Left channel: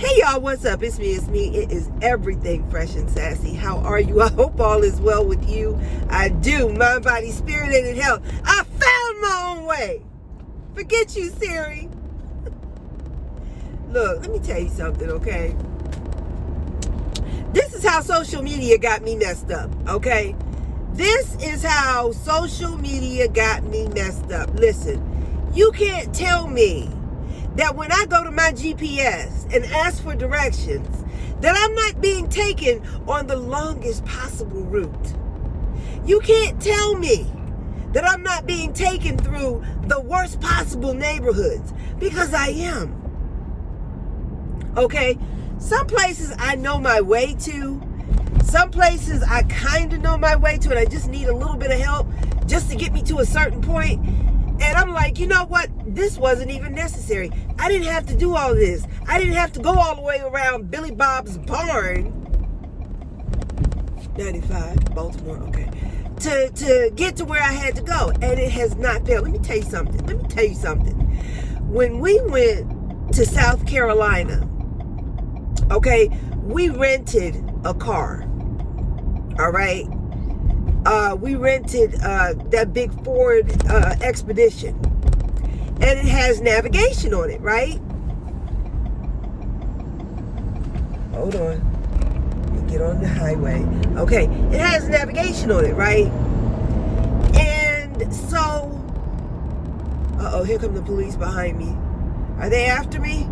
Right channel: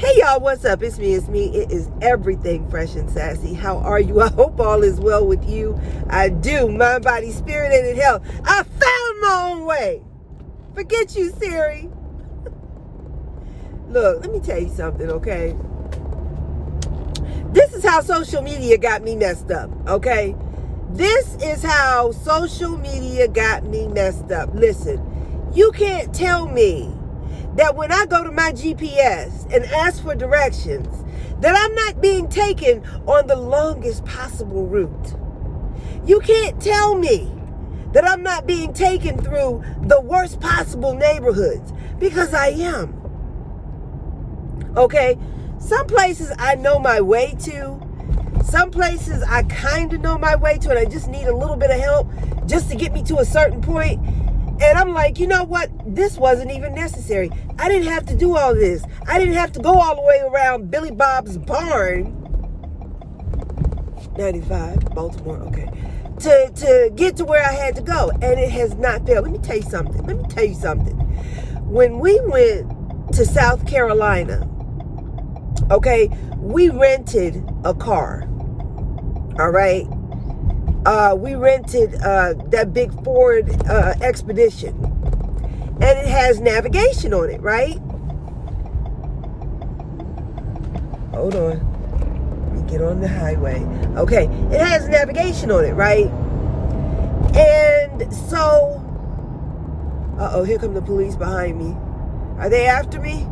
Hey y'all, what's up? It's me. It is everything fresh and sassy. How are you? I hope all is well with you. I do. Mind, body, spirit, and in health. I found my own way. Forget you, Siri. Look, let me tell you something, okay? This is how social media got me messed up, okay? This is how social media got me messed up. Listen, you can't tell me that when I go to my GPS and ask for directions, that I'm not being taken on the longest possible route. You can't tell me that I'm not being taken through the worst possible neighborhoods, because I am. Okay? Some places I know my way to. Some places I kind of know my way to, and I just need a little bit of help just to get me to a certain point. And I'm like, you know what? This wasn't even necessary. I didn't have to do all this. I didn't have to go all the way around Billy Bob's barn, 95, Baltimore, okay, to get to where I had to go. And it has not failed. Let me tell you something. When we went to South Carolina, okay, we rented a car, all right? We rented that big Ford Expedition, and it has navigation on it, right? Hold on, let me get on the highway. Okay, it has navigation on it, right? And so, here come the police behind me. Are they after me?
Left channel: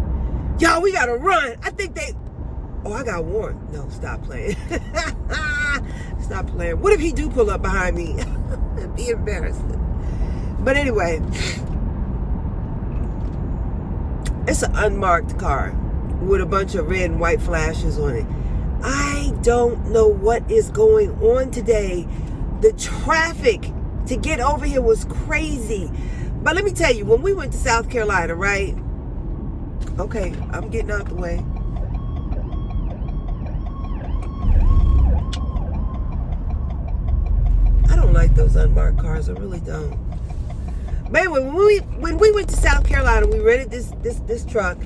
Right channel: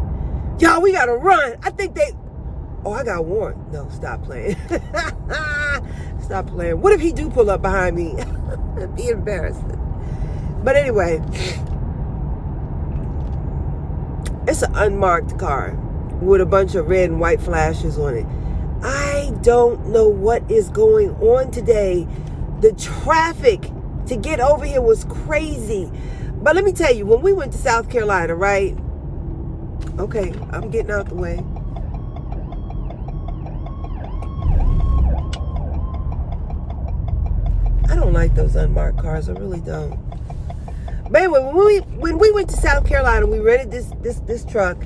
Y'all, we gotta run. I think they... Oh, I got warned. No, stop playing. Stop playing. What if he do pull up behind me? It'd be embarrassing. But anyway, it's an unmarked car with a bunch of red and white flashes on it. I don't know what is going on today. The traffic to get over here was crazy. But let me tell you, when we went to South Carolina, right? Okay, I'm getting out the way. I don't like those unmarked cars. I really don't. But anyway, when we went to South Carolina, we rented this truck,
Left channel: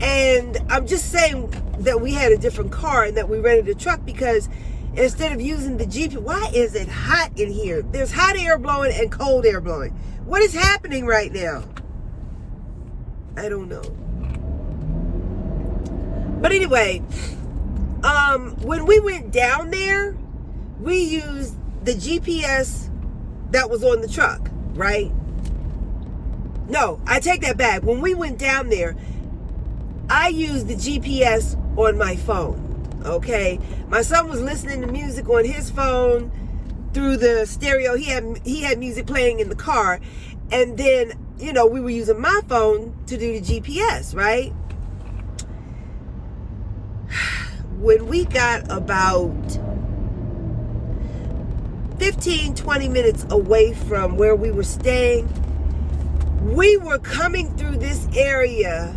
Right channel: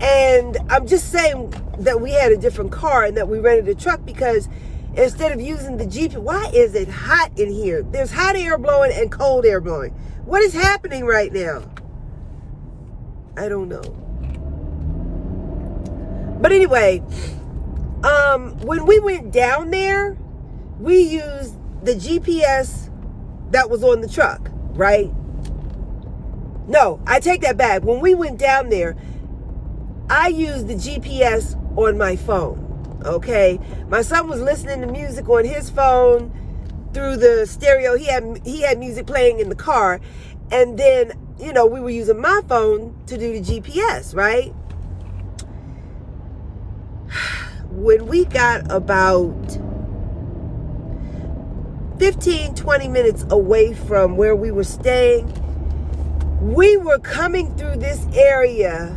and I'm just saying that we had a different car and that we rented a truck because instead of using the GPS, why is it hot in here? There's hot air blowing and cold air blowing. What is happening right now? I don't know. But anyway, when we went down there, we used the GPS that was on the truck, right? No, I take that back. When we went down there, I used the GPS on my phone, okay? My son was listening to music on his phone through the stereo. He had music playing in the car. And then, you know, we were using my phone to do the GPS, right? When we got about 15, 20 minutes away from where we were staying, we were coming through this area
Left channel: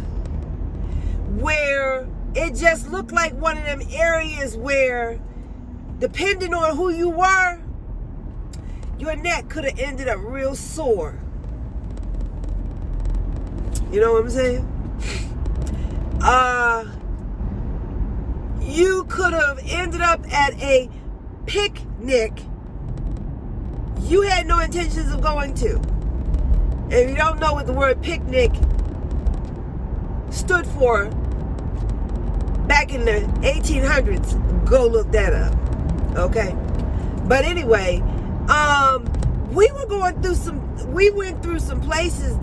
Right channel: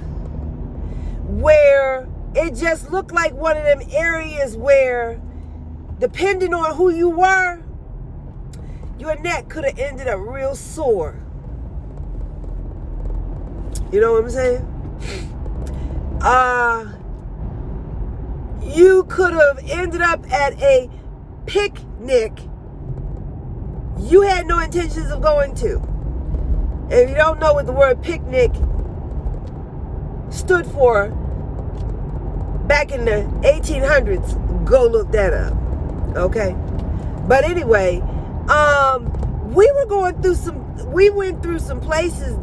where it just looked like one of them areas where, depending on who you were, your neck could have ended up real sore. You know what I'm saying? You could have ended up at a picnic you had no intentions of going to. And if you don't know what the word picnic stood for back in the 1800s, go look that up. Okay? But anyway, we went through some places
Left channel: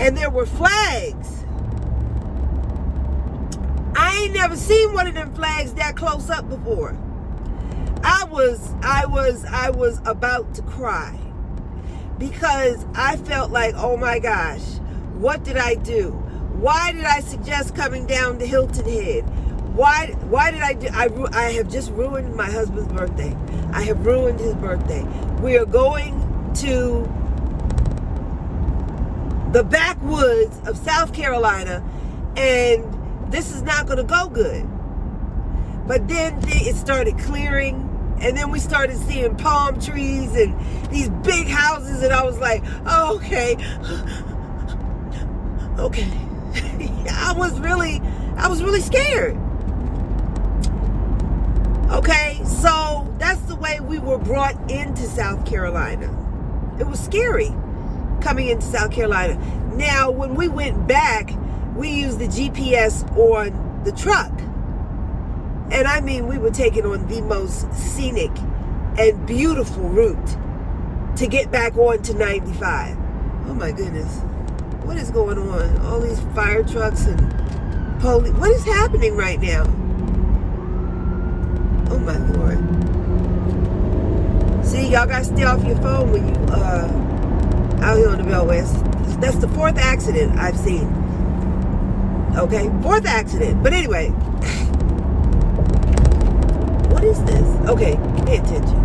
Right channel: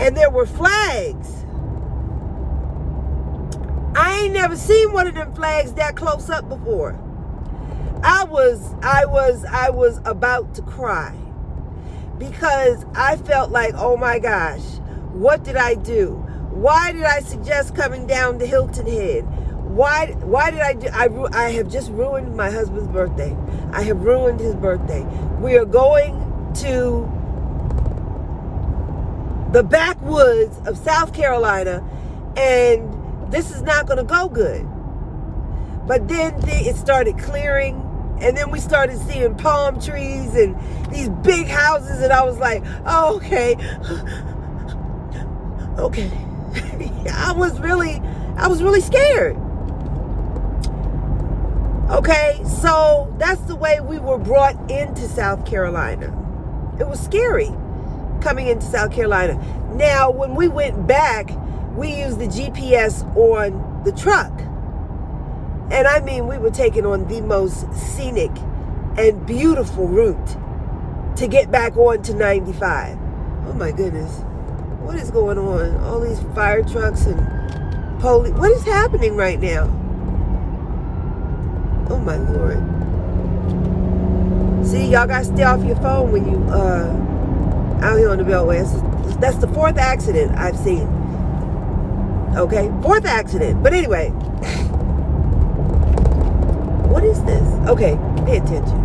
and there were flags. I ain't never seen one of them flags that close up before. I was about to cry because I felt like, oh my gosh, what did I do? Why did I suggest coming down to Hilton Head? Why did I do? I have just ruined my husband's birthday. I have ruined his birthday. We are going to the backwoods of South Carolina, and this is not going to go good. But then it started clearing, and then we started seeing palm trees and these big houses, and I was like, oh, okay. I was really scared. Okay, so that's the way we were brought into South Carolina. It was scary coming into South Carolina. Now, when we went back, we used the GPS on the truck. And I mean, we were taking on the most scenic and beautiful route to get back onto 95. Oh my goodness. What is going on? All these fire trucks and police. What is happening right now? Oh my Lord. See, y'all got to stay off your phone when you out here on the Beltway. That's the 4th accident I've seen. Okay, 4th accident. But anyway, what is this? Okay, pay attention.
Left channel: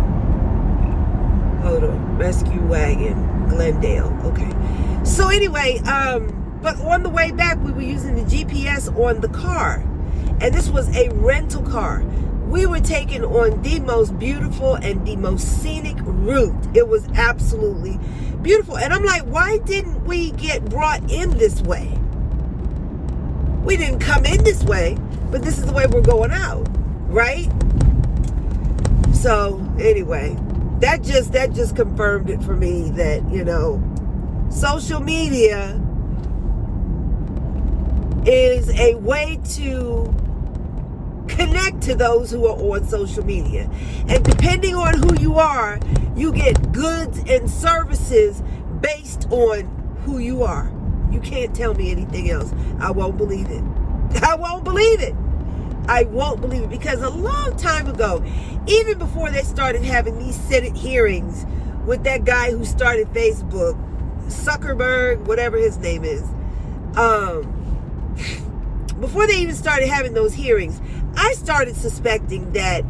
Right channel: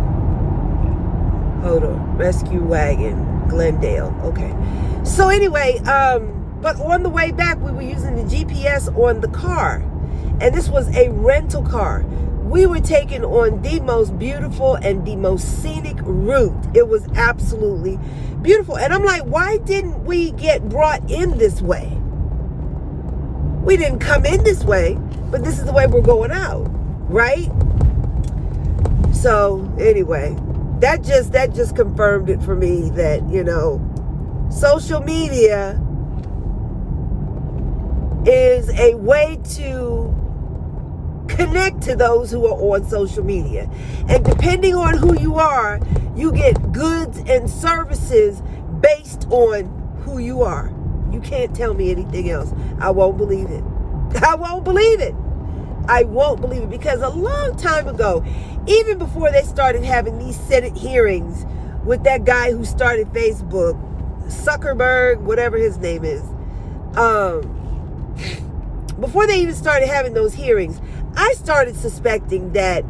Hold on. Rescue wagon, Glendale. Okay. So anyway, but on the way back, we were using the GPS on the car. And this was a rental car. We were taking on the most beautiful and the most scenic route. It was absolutely beautiful. And I'm like, why didn't we get brought in this way? We didn't come in this way, but this is the way we're going out, right? So anyway, that just confirmed it for me that, you know, social media is a way to connect to those who are on social media. And depending on who you are, you get goods and services based on who you are. You can't tell me anything else. I won't believe it. I won't believe it. I won't believe it, because a long time ago, even before they started having these Senate hearings with that guy who started Facebook, Zuckerberg, whatever his name is, before they even started having those hearings, I started suspecting that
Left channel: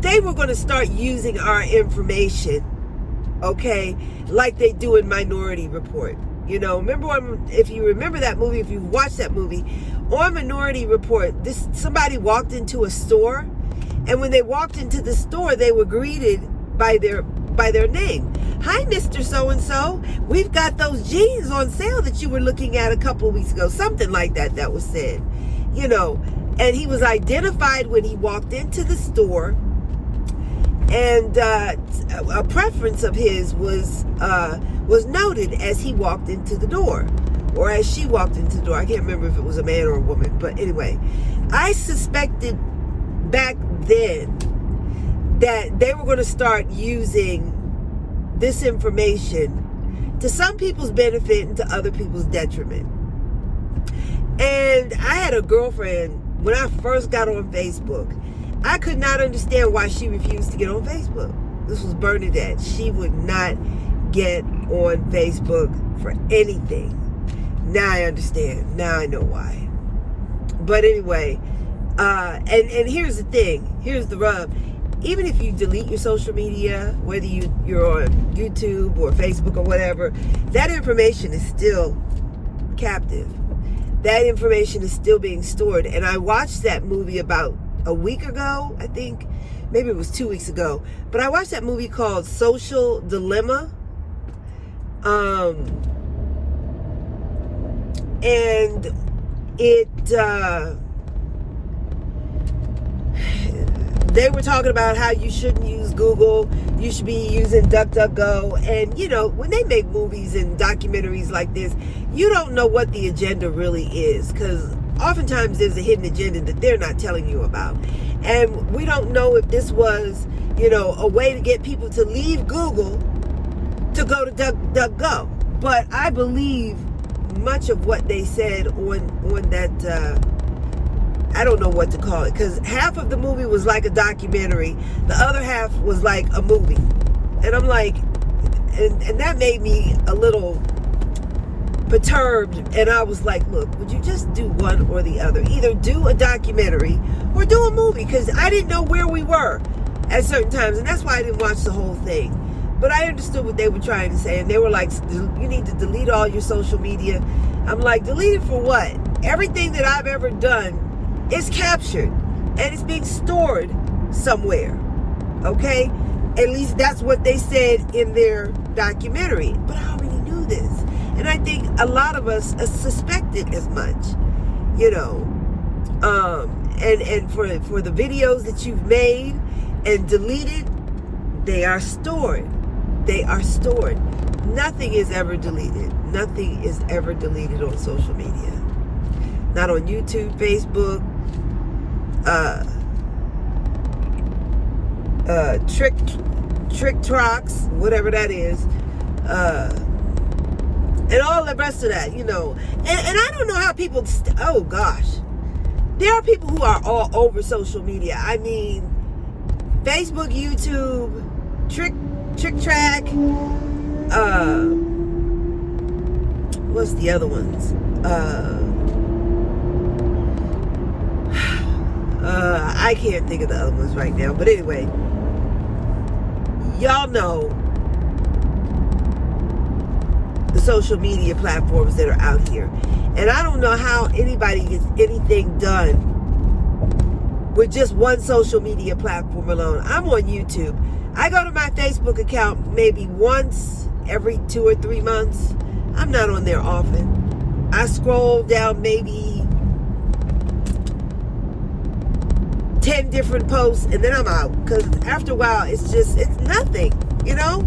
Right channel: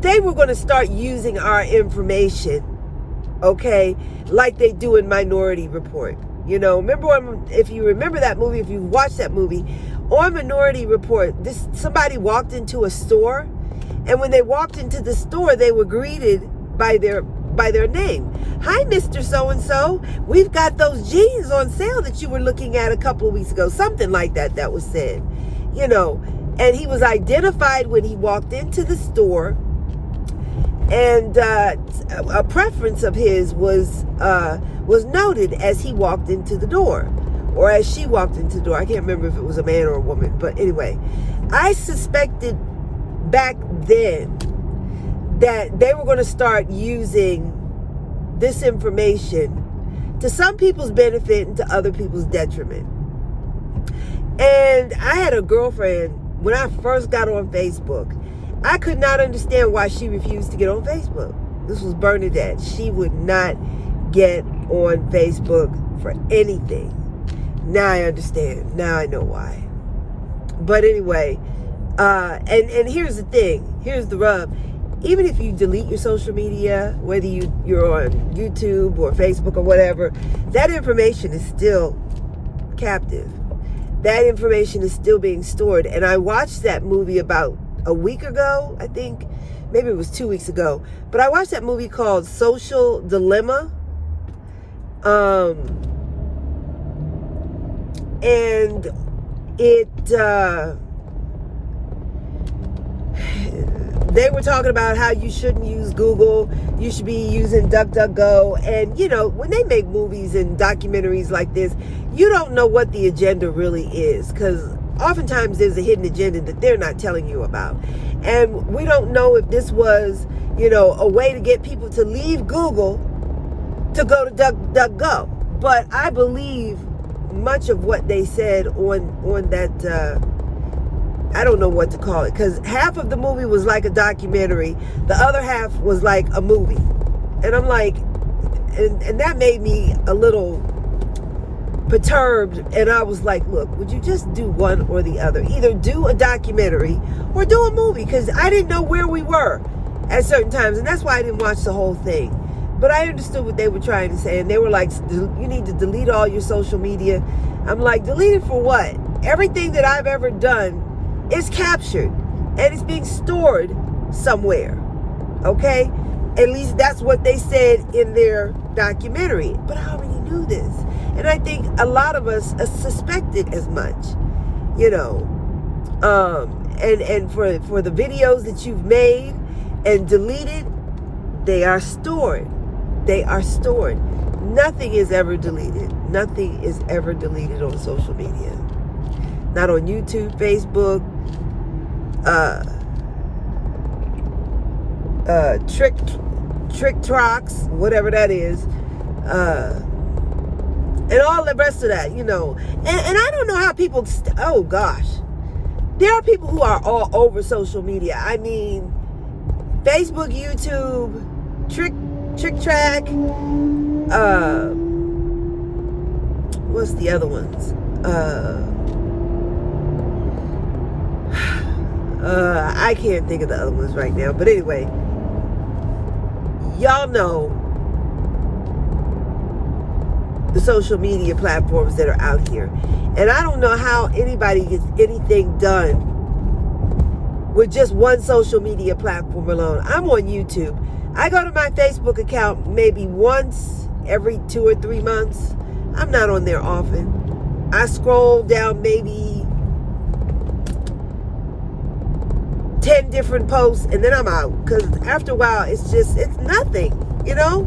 they were going to start using our information, okay, like they do in Minority Report. You know, if you remember that movie, if you watched that movie, on Minority Report, somebody walked into a store, and when they walked into the store, they were greeted by their name. Hi, Mr. So-and-so. We've got those jeans on sale that you were looking at a couple of weeks ago. Something like that was said. You know, and he was identified when he walked into the store, and a preference of his was noted as he walked into the door, or as she walked into the door. I can't remember if it was a man or a woman, but anyway, I suspected back then that they were going to start using this information to some people's benefit and to other people's detriment. And I had a girlfriend when I first got on Facebook. I could not understand why she refused to get on Facebook. This was Bernadette. She would not get on Facebook for anything. Now I understand. Now I know why. But anyway, and here's the thing. Here's the rub. Even if you delete your social media, whether you're on YouTube or Facebook or whatever, that information is still captive. That information is still being stored. And I watched that movie about a week ago, I think. Maybe it was 2 weeks ago. But I watched that movie called Social Dilemma. And they were talking about how you shouldn't use Google, you should be using DuckDuckGo. And, you know, when they make movies and documentaries like this, you don't know what the agenda really is, because oftentimes there's a hidden agenda that they're not telling you about. And we don't know if this was, you know, a way to get people to leave Google to go to DuckDuckGo. But I believe much of what they said on that, I don't know what to call it, because half of the movie was like a documentary, the other half was like a movie. And I'm like, and that made me a little perturbed. And I was like, look, would you just do one or the other? Either do a documentary or do a movie, because I didn't know where we were at certain times. And that's why I didn't watch the whole thing. But I understood what they were trying to say. And they were like, you need to delete all your social media. I'm like, delete it for what? Everything that I've ever done is captured and it's being stored somewhere. Okay? At least that's what they said in their documentary. But I already knew this. And I think a lot of us suspected as much. you know, and for the videos that you've made and deleted, they are stored. They are stored. Nothing is ever deleted. Nothing is ever deleted on social media. Not on YouTube, Facebook, TikToks, whatever that is, and all the rest of that, you know. And I don't know how people, oh gosh. There are people who are all over social media. I mean, Facebook, YouTube, TrickTrack, what's the other ones? I can't think of the other ones right now. But anyway, y'all know the social media platforms that are out here. And I don't know how anybody gets anything done with just one social media platform alone. I'm on YouTube. I go to my Facebook account maybe once every 2 or 3 months. I'm not on there often. I scroll down maybe 10 different posts and then I'm out. Because after a while, it's nothing, you know?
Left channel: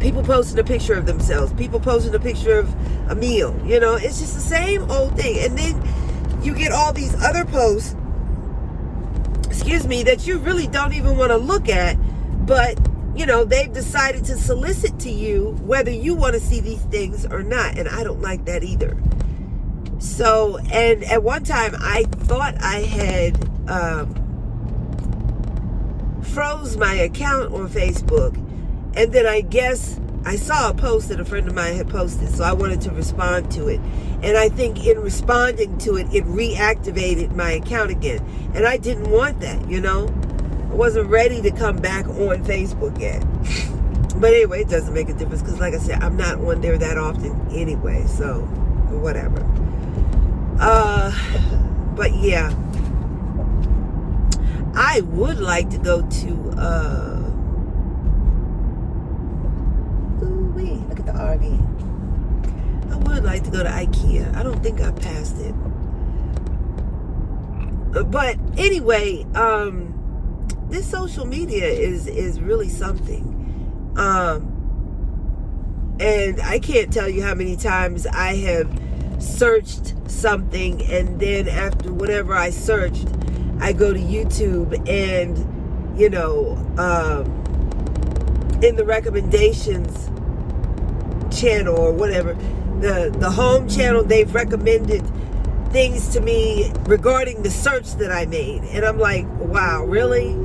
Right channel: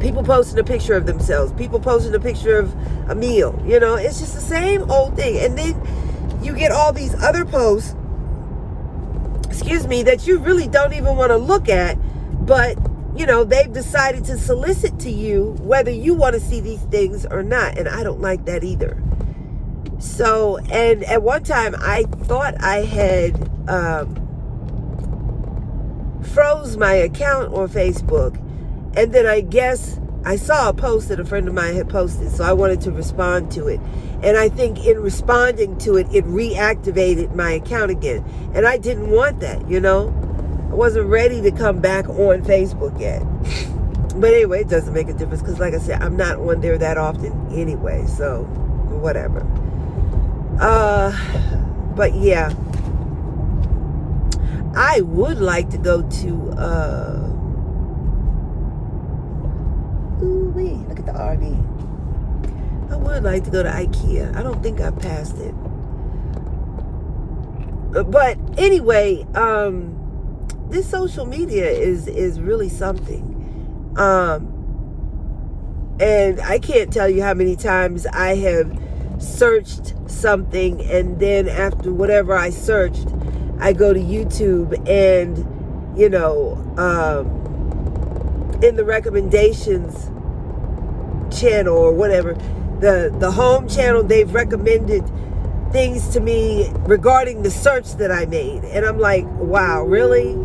People posting a picture of themselves. People posting a picture of a meal. You know, it's just the same old thing. And then you get all these other posts, that you really don't even want to look at. But, you know, they've decided to solicit to you whether you want to see these things or not. And I don't like that either. So, and at one time I thought I had froze my account on Facebook. And then I guess I saw a post that a friend of mine had posted, so I wanted to respond to it. And I think in responding to it, it reactivated my account again. And I didn't want that, you know? I wasn't ready to come back on Facebook yet. But anyway, it doesn't make a difference because, like I said, I'm not on there that often anyway, so whatever. But yeah, I would like to go to, look at the RV. I would like to go to IKEA. I don't think I passed it. But anyway, this social media is really something. And I can't tell you how many times I have searched something and then after whatever I searched, I go to YouTube and, you know, in the recommendations channel or whatever, the home channel, they've recommended things to me regarding the search that I made, and I'm like, wow, really?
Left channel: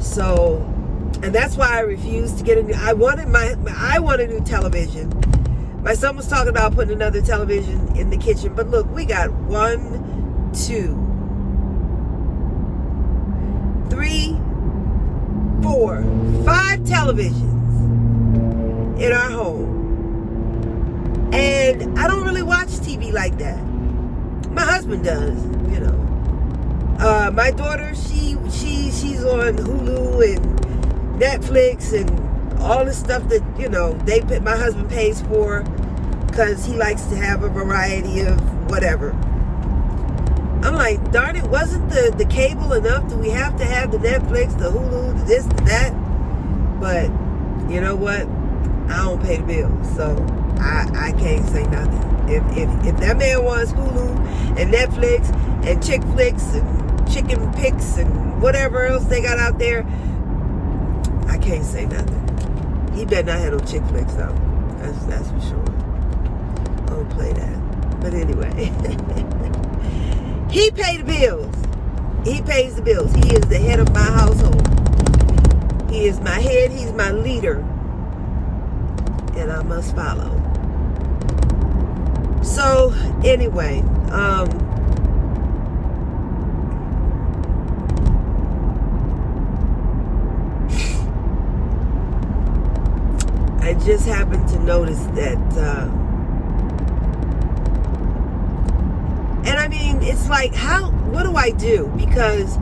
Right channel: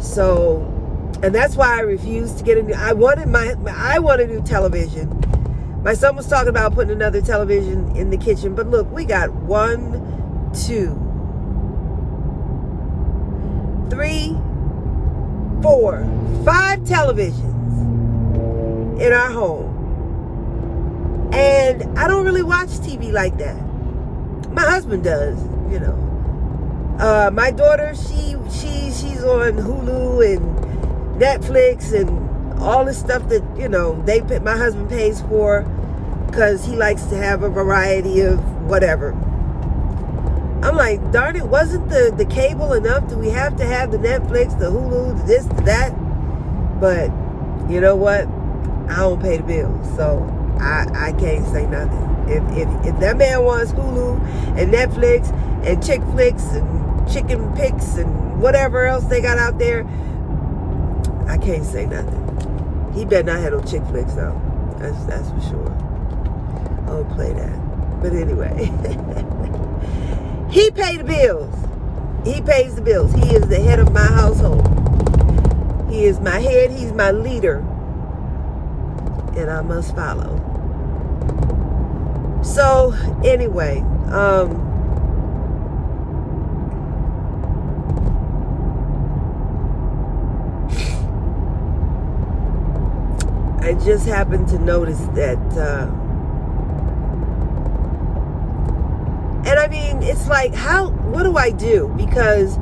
So, and that's why I refused to get a new. I want a new television. My son was talking about putting another television in the kitchen, but look, we got 1, 2, 3, 4, 5 televisions in our home. And I don't really watch TV like that. My husband does, you know. My daughter, she's on Hulu and Netflix and all the stuff that, you know, my husband pays for because he likes to have a variety of whatever. I'm like, darn it, wasn't the cable enough? Do we have to have the Netflix, the Hulu, the this, the that? But you know what? I don't pay the bills, so I can't say nothing. If that man wants Hulu and Netflix and Chick Flicks and Chicken Picks and whatever else they got out there, I can't say nothing. He better not have no Chick Flicks though. That's for sure. I don't play that. But anyway, he pays the bills. He pays the bills. He is the head of my household. He is my head. He's my leader. And I must follow. So anyway, I just happened to notice that, and I mean, it's like, what do I do? Because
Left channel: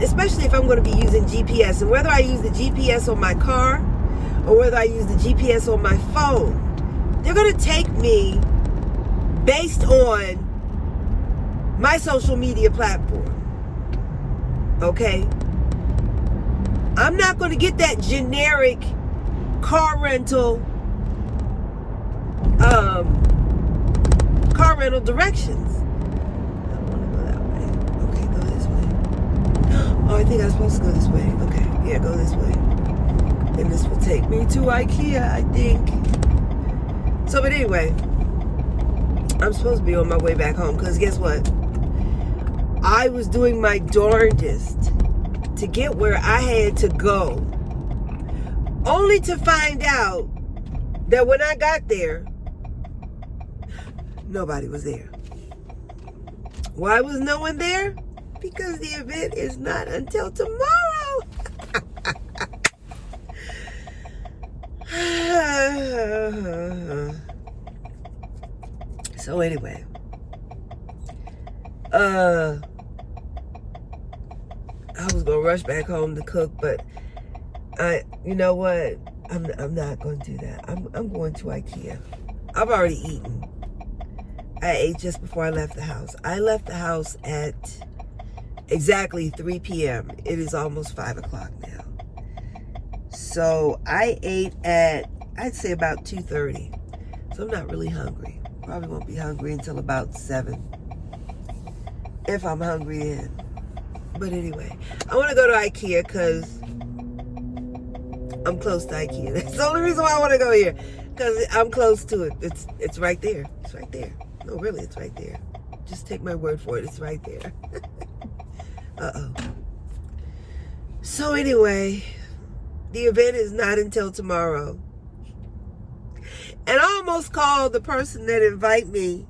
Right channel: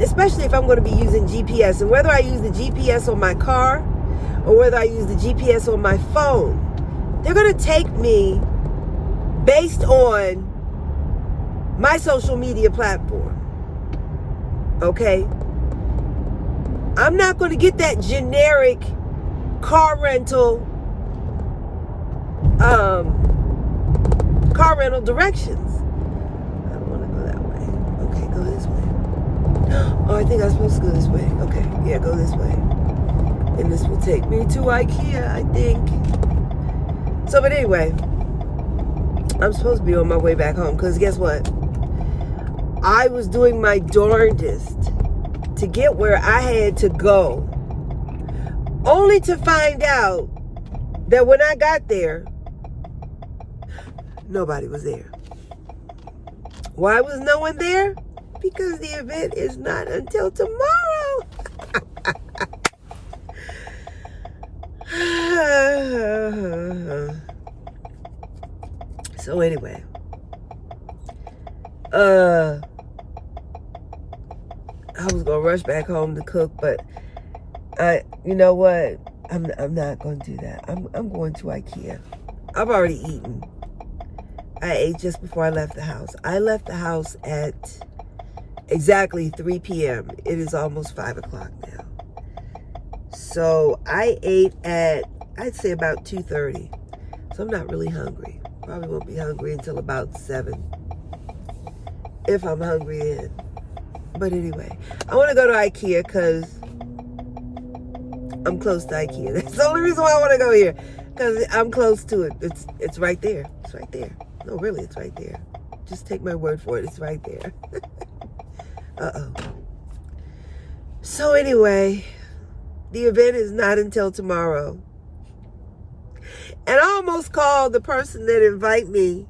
especially if I'm going to be using GPS, and whether I use the GPS on my car or whether I use the GPS on my phone, they're going to take me based on my social media platform. Okay? I'm not going to get that generic car rental directions. I don't want to go that way. Okay, go this way. Oh, I think I'm supposed to go this way. Okay, yeah, go this way. And this will take me to IKEA, I think. So, but anyway, I'm supposed to be on my way back home because guess what? I was doing my darndest to get where I had to go, only to find out that when I got there, nobody was there. Why was no one there? Because the event is not until tomorrow. So anyway, I was gonna rush back home to cook, but you know what? I'm not going to do that. I'm going to IKEA. I've already eaten. I ate just before I left the house. I left the house at exactly 3 p.m. It is almost 5 o'clock now. So I ate at, I'd say about 2:30. So I'm not really hungry. Probably won't be hungry until about 7. If I'm hungry then. But anyway, I want to go to IKEA because I'm close to IKEA. That's the only reason why I want to go here. Because I'm close to it. It's right there. It's right there. No, really, it's right there. Just take my word for it. It's right there. Uh-oh. So anyway, the event is not until tomorrow. And I almost called the person that invited me.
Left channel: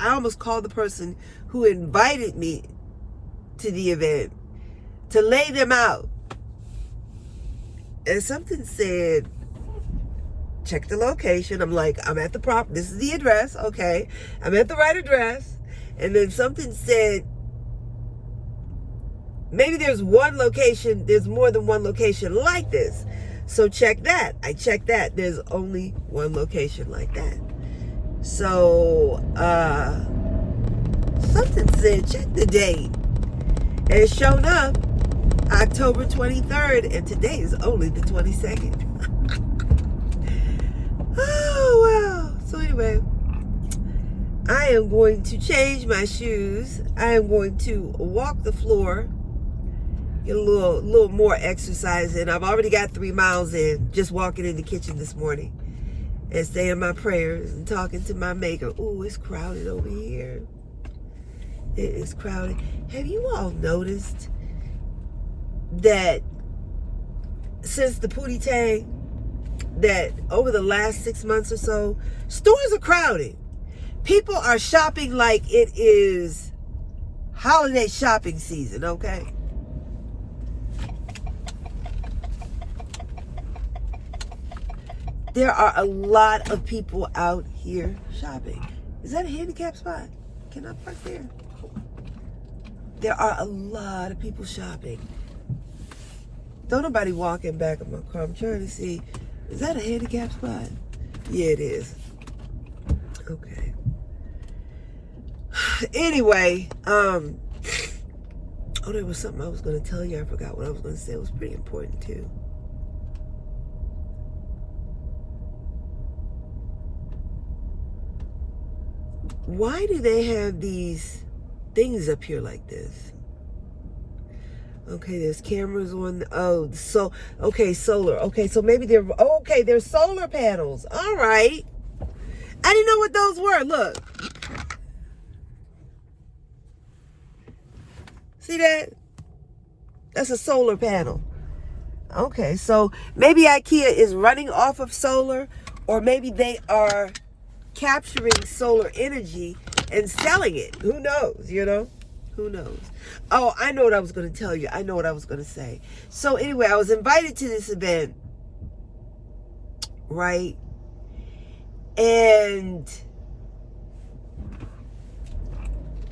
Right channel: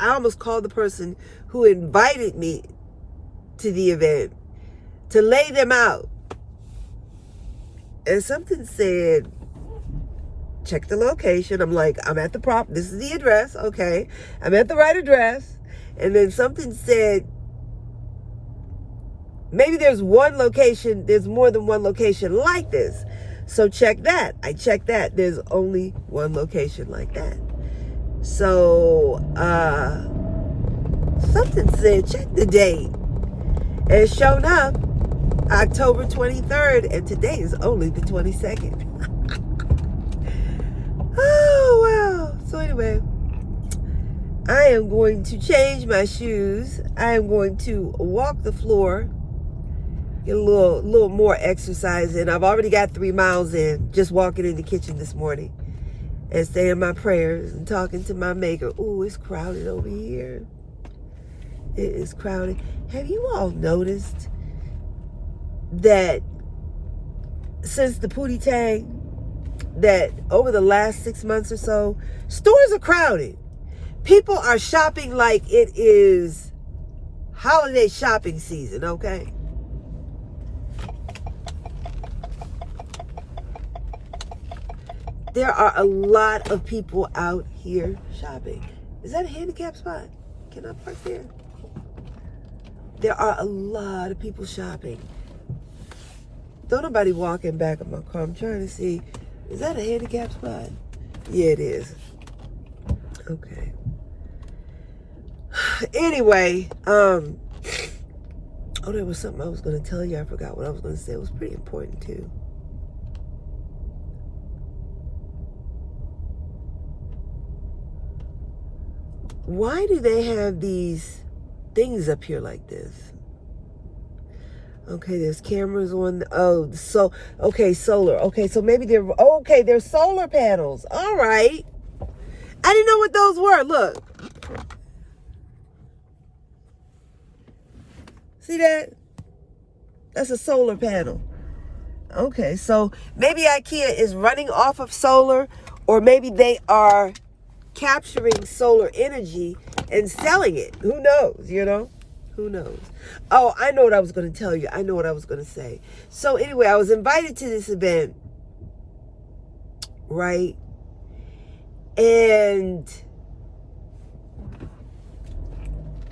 I almost called the person who invited me to the event to lay them out. And something said, check the location. I'm like, I'm at the this is the address. Okay. I'm at the right address. And then something said, maybe there's one location, there's more than one location like this. So check that. I checked that. There's only one location like that. So, something said, check the date. And it's shown up October 23rd, and today is only the 22nd. Oh, well. So anyway, I am going to change my shoes. I am going to walk the floor, get a little more exercise in. I've already got 3 miles in just walking in the kitchen this morning and saying my prayers and talking to my maker. Ooh, it's crowded over here. It is crowded. Have you all noticed that since the Pootie Tang, that over the last 6 months or so, stores are crowded. People are shopping like it is holiday shopping season, okay? There are a lot of people out here shopping. Is that a handicap spot? Can I park there? There are a lot of people shopping. Don't nobody walk in back of my car. I'm trying to see. Is that a handicap spot? Yeah, it is. Okay. Anyway, oh, there was something I was going to tell you. I forgot what I was going to say. It was pretty important, too. Why do they have these things up here like this? Okay, there's cameras on. Okay, solar. Okay, so maybe there's solar panels. All right. I didn't know what those were. Look. See that? That's a solar panel. Okay, so maybe IKEA is running off of solar, or maybe they are capturing solar energy and selling it. Who knows, you know? Who knows? Oh, I know what I was going to tell you. I know what I was going to say. So anyway, I was invited to this event, right? And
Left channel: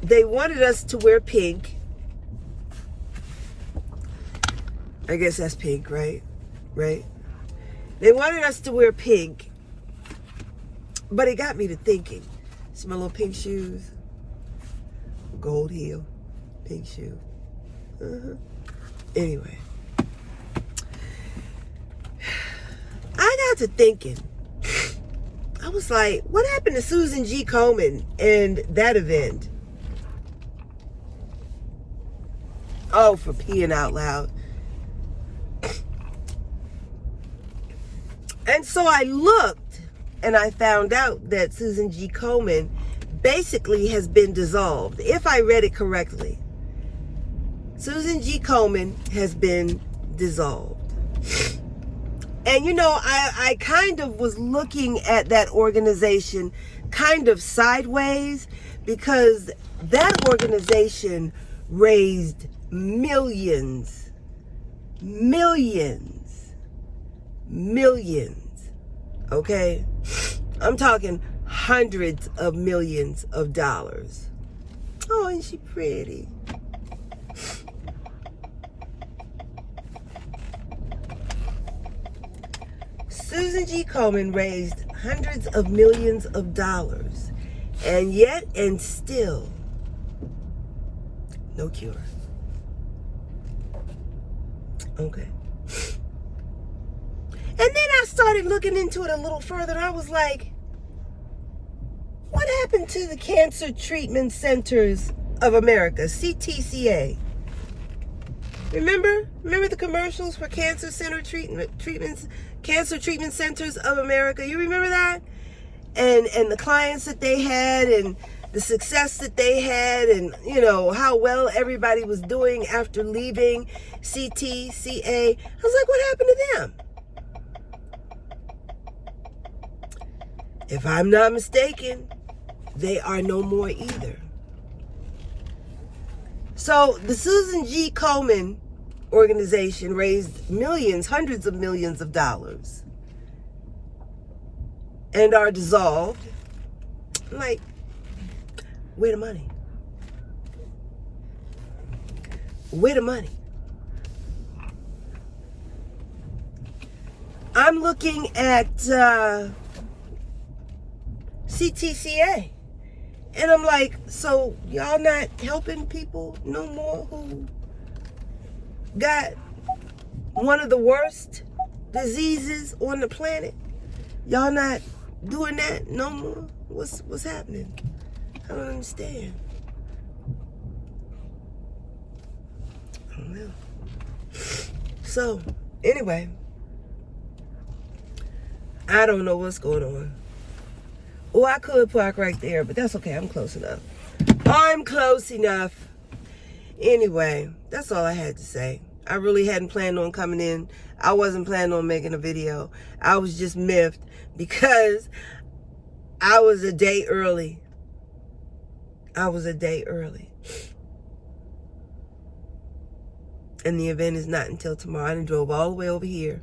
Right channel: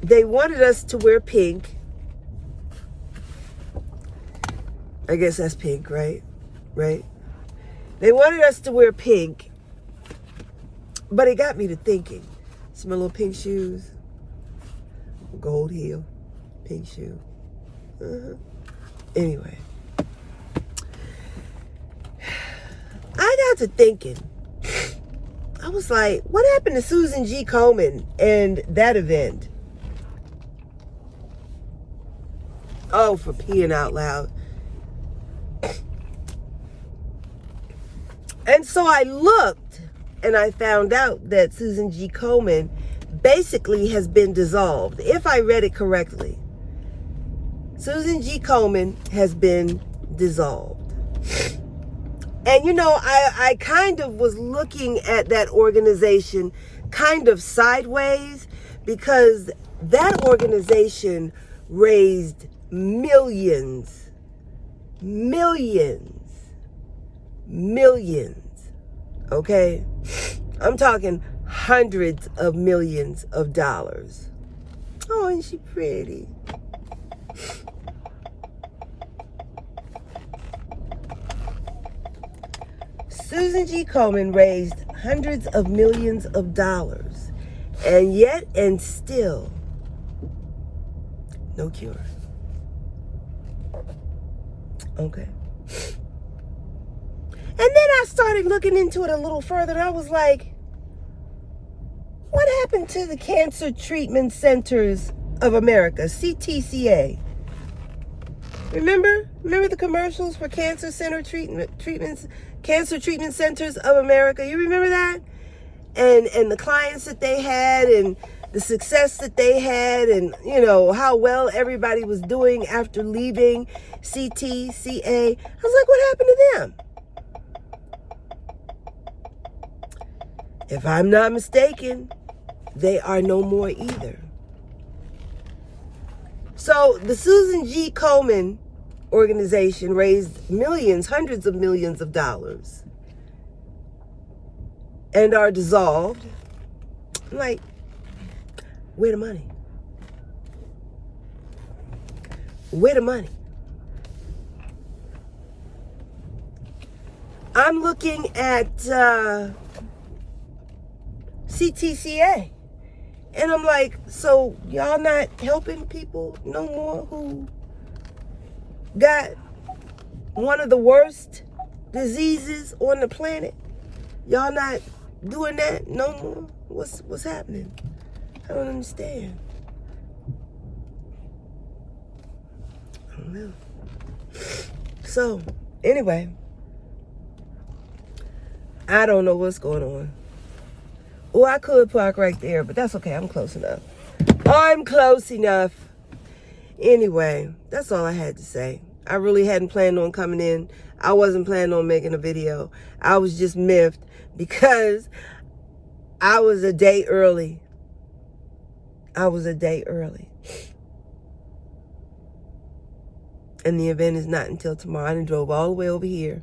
they wanted us to wear pink. I guess that's pink, right? Right? They wanted us to wear pink. But it got me to thinking. See my little pink shoes? Gold heel, pink shoe. Anyway. I got to thinking. I was like, what happened to Susan G. Komen and that event? Oh, for peeing out loud. And so I looked and I found out that Susan G. Komen basically has been dissolved. If I read it correctly, Susan G. Komen has been dissolved. And you know, I kind of was looking at that organization kind of sideways, because that organization raised millions, okay? I'm talking hundreds of millions of dollars. Oh, isn't she pretty? Susan G. Komen raised hundreds of millions of dollars, and yet and still, no cure. Okay. And then I started looking into it a little further, and I was like, what happened to the Cancer Treatment Centers of America, CTCA? Remember the commercials for Cancer Treatment Centers of America? You remember that? And the clients that they had, and the success that they had, and you know how well everybody was doing after leaving CTCA. I was like, what happened to them? If I'm not mistaken, they are no more either. So the Susan G. Komen organization raised millions, hundreds of millions of dollars, and are dissolved. I'm like, where the money? Where the money? I'm looking at CTCA, and I'm like, so y'all not helping people no more who got one of the worst diseases on the planet? Y'all not doing that no more? What's happening? I don't understand. I don't know. So, anyway, I don't know what's going on. Oh, I could park right there, but that's okay. I'm close enough. I'm close enough. Anyway, that's all I had to say. I really hadn't planned on coming in. I wasn't planning on making a video. I was just miffed because I was a day early. And the event is not until tomorrow. I done drove all the way over here.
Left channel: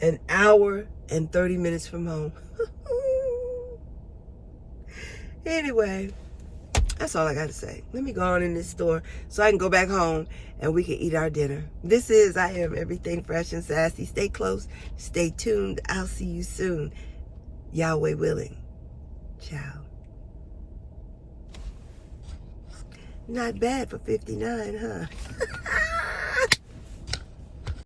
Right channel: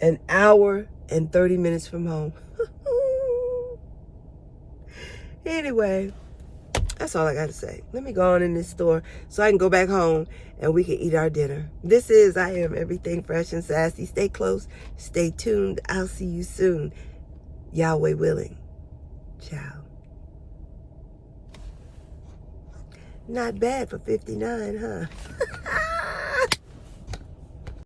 An hour and 30 minutes from home. Anyway, that's all I got to say. Let me go on in this store so I can go back home and we can eat our dinner. This is I Am Everything Fresh and Sassy. Stay close. Stay tuned. I'll see you soon. Yahweh willing. Ciao. Not bad for 59, huh?